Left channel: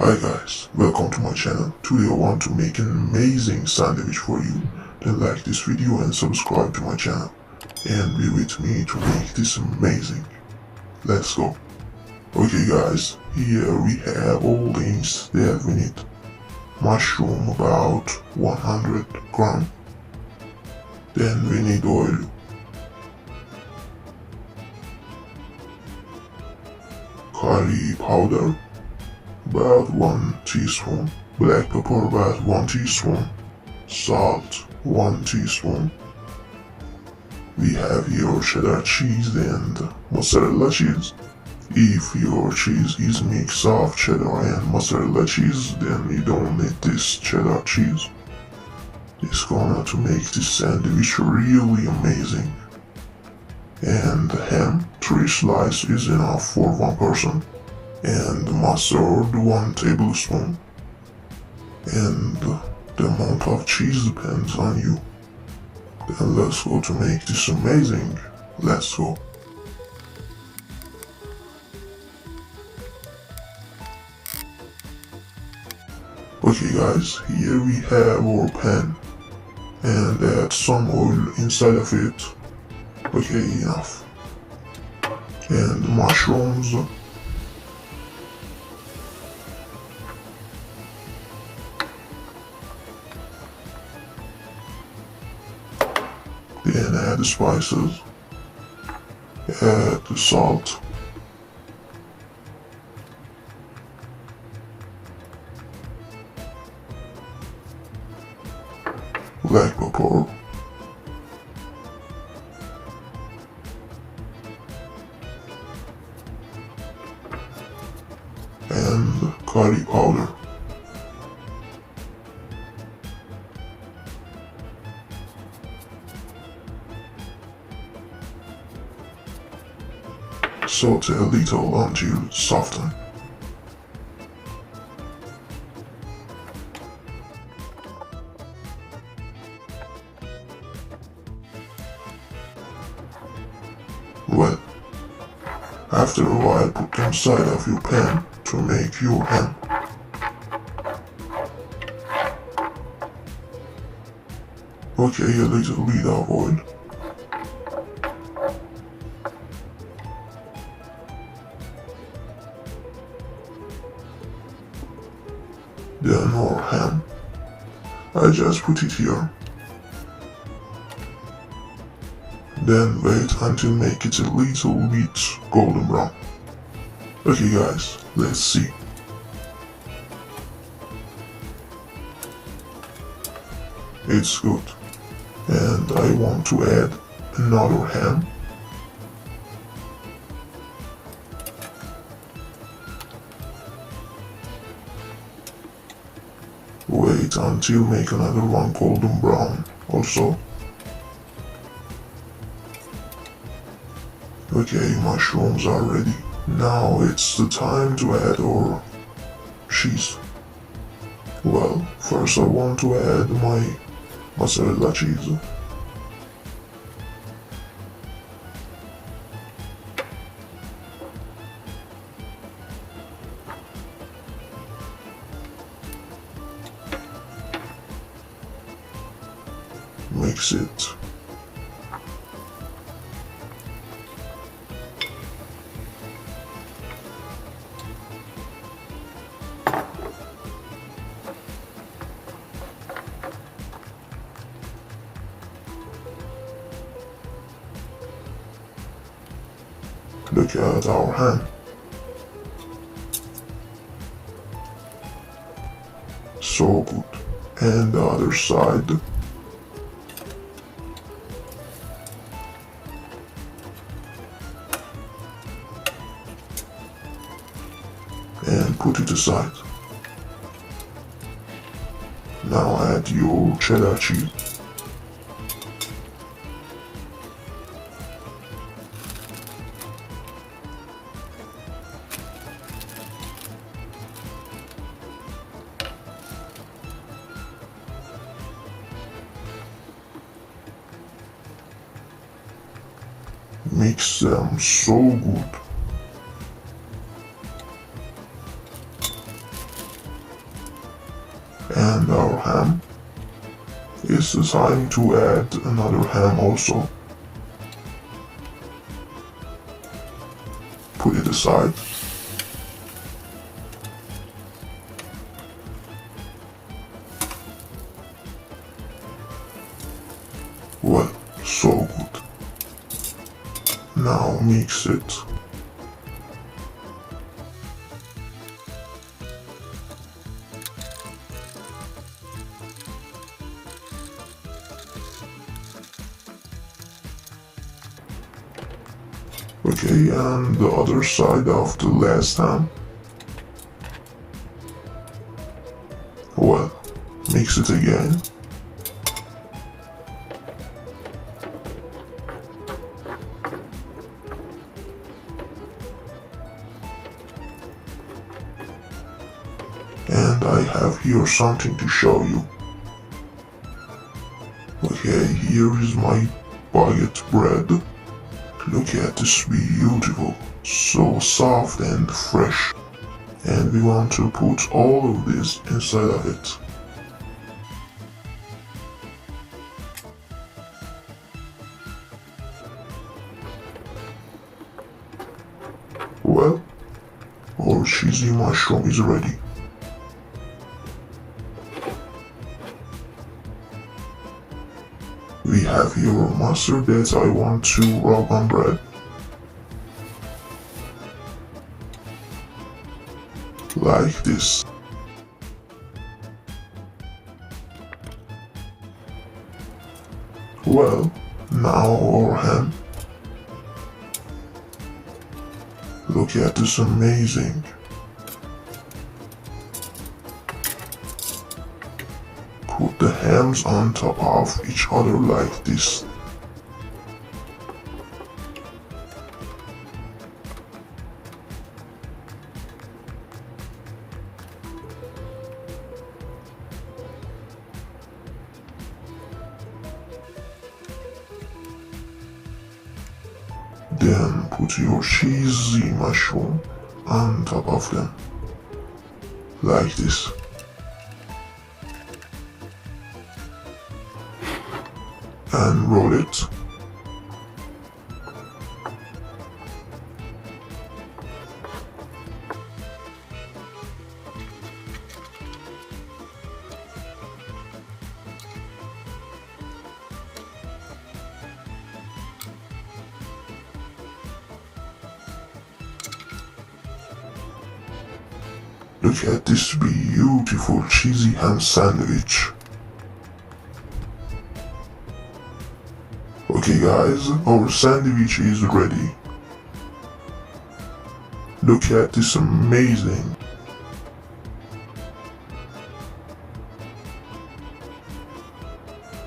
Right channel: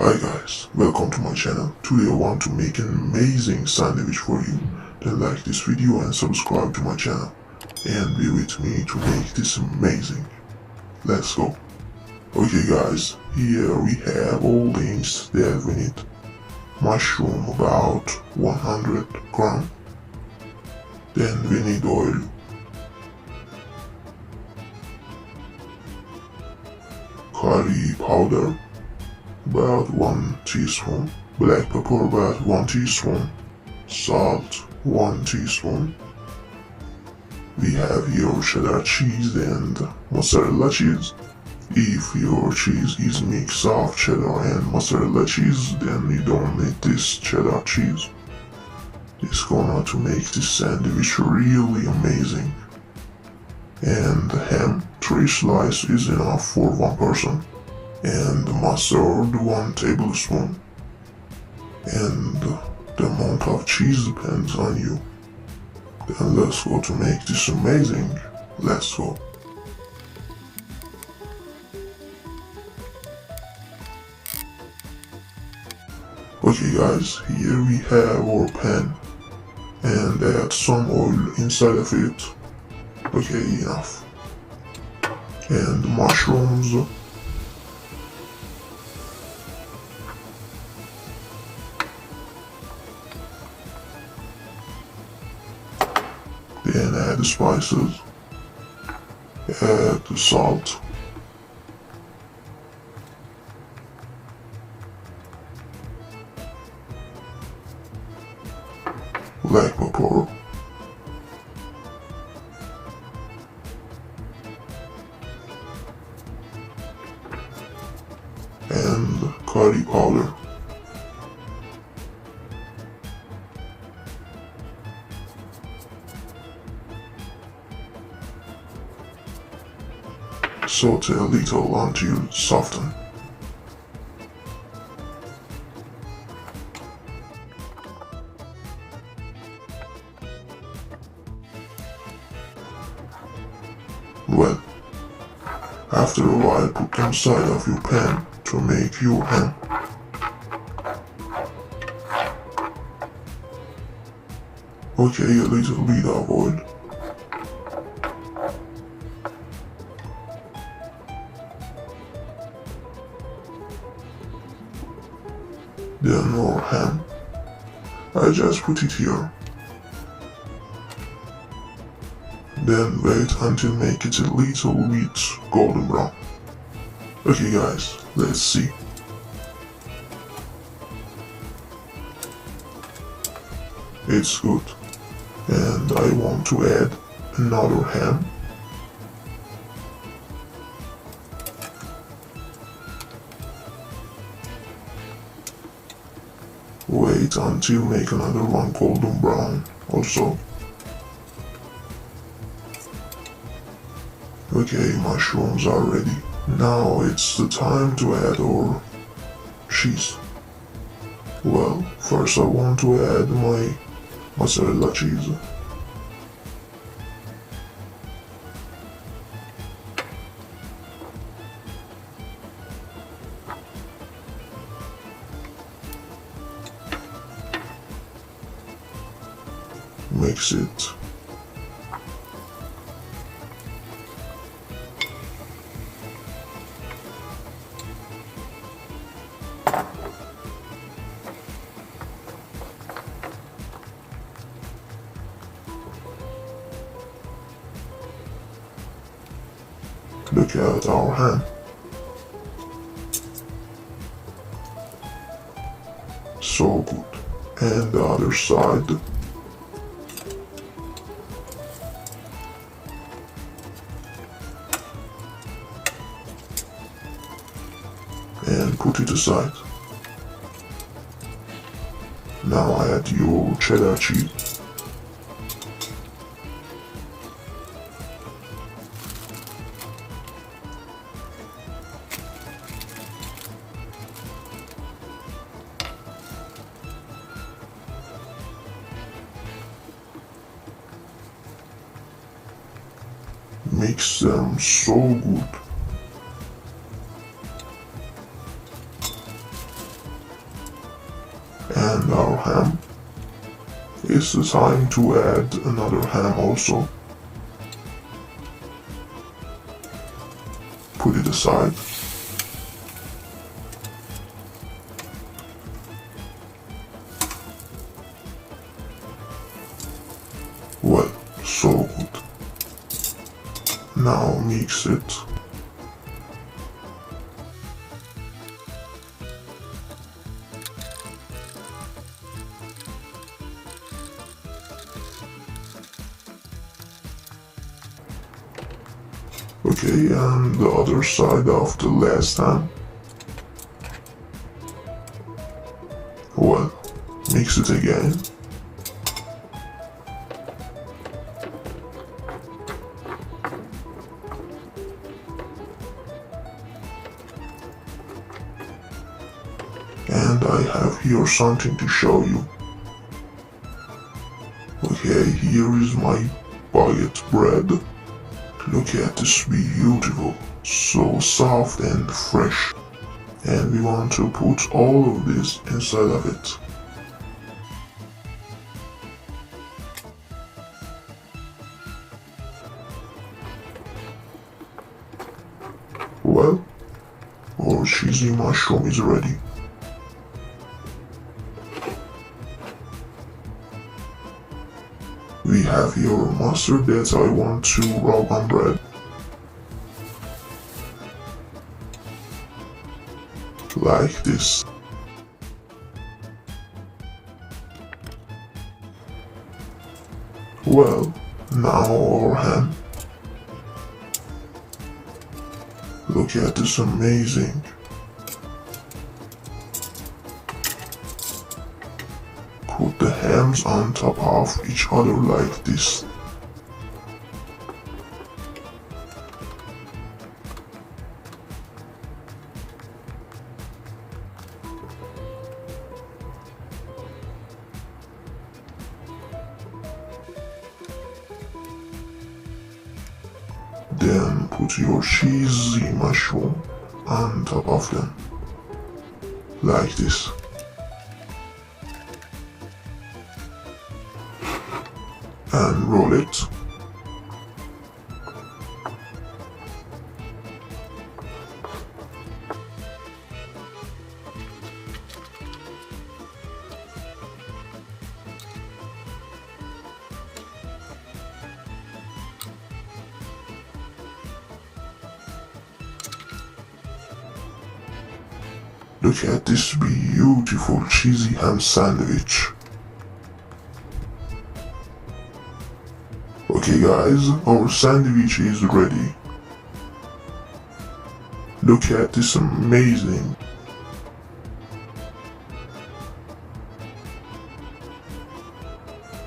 Hi guys, welcome to my channel. Today I want to make an amazing sandwich for you. Then like this video and subscribe to my channel. And be with me to make this amazing. Let's go. Okay guys, here we have all things that we need. Mushroom about 100 gram. Then we need oil. Curry powder about 1 teaspoon, black pepper about 1 teaspoon, salt 1 teaspoon. We have here cheddar cheese and mozzarella cheese. If your cheese is mix of cheddar and mozzarella cheese, then you don't need this cheddar cheese. It's gonna to make this sandwich really amazing. And ham, 3 slices is enough for 1 person. And mustard 1 tablespoon. And the amount of cheese depends on you. Then let's go to make this amazing. Let's go. Okay guys, here we have our pan. And add some oil inside of it. Okay, enough. And mushrooms. Then add the spices, add the salt, black pepper, and curry powder. Saute a little until soften. Well, after a while put them side of your pan to make your ham. Okay, a little bit of oil. Then our ham. I just put it here. Then wait until make it a little bit golden brown. Okay guys, let's see. It's good. And I want to add another ham. Wait until make another one golden brown also. Okay, mushrooms are ready. Now it's the time to add our cheese. Well, first I want to add my mozzarella cheese. Mix it. Look at our ham. So good. And the other side. And put it aside. Now add your cheddar cheese. Mix them so good. and our ham. It's the time to add another ham also. Put it aside. Well, so good. Now mix it. Okay, and the other side of the last ham. Well, mix it again. And I have here something to show you. Okay, here is my baguette bread. Look at this, beautiful, so soft and fresh. And we want to put all of this inside of it. Well, our cheesy mushroom is ready. We have here mustard that I want to rub on bread. Like this. Well, now our ham. Look at this, amazing. Put the hams on top of each other like this. Then put your cheesy mushroom on top of them, like this. And roll it. Look at this beautiful cheesy ham sandwich. Okay guys, our sandwich is ready. Look at this, amazing.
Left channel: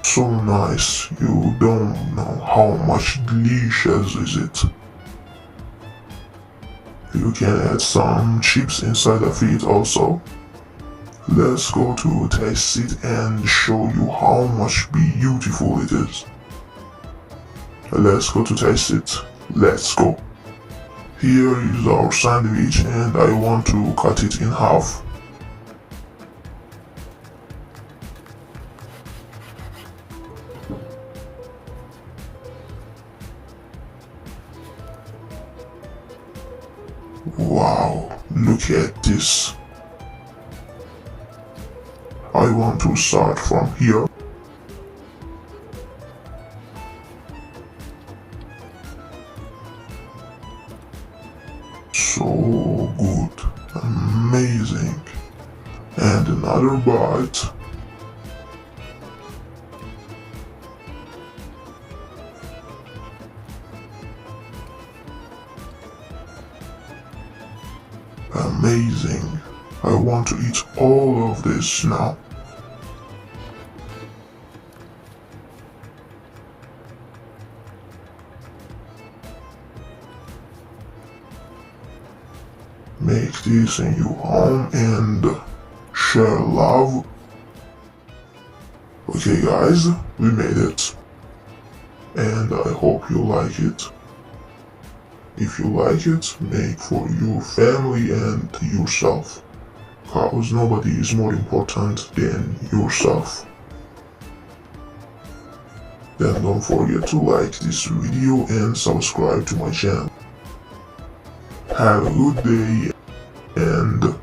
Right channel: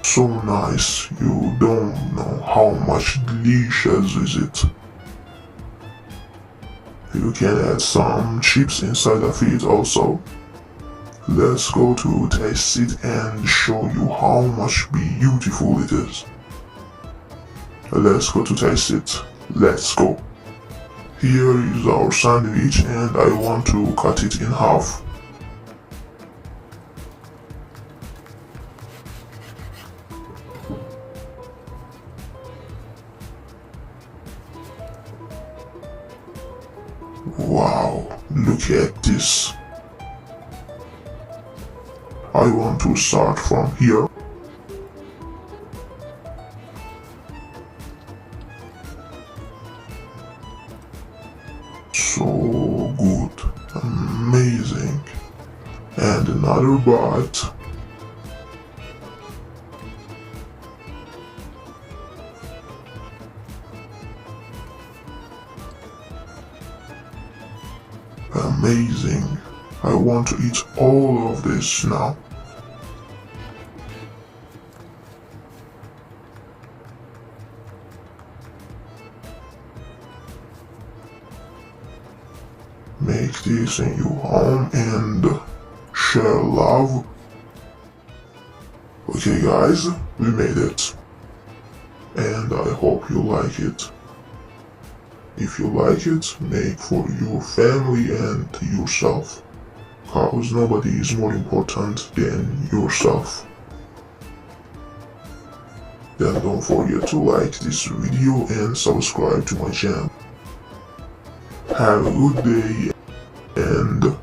So nice, you don't know how much delicious is it. You can add some chips inside of it also. Let's go to taste it and show you how much beautiful it is. Let's go to taste it. Let's go. Here is our sandwich and I want to cut it in half. Wow, look at this. I want to start from here. So good, amazing. And another bite. Amazing. I want to eat all of this now. Make this in your home and share love. Okay guys, we made it. And I hope you like it. If you like it, make for your family and yourself. because nobody is more important than yourself. Then don't forget to like this video and subscribe to my channel. Have a good day and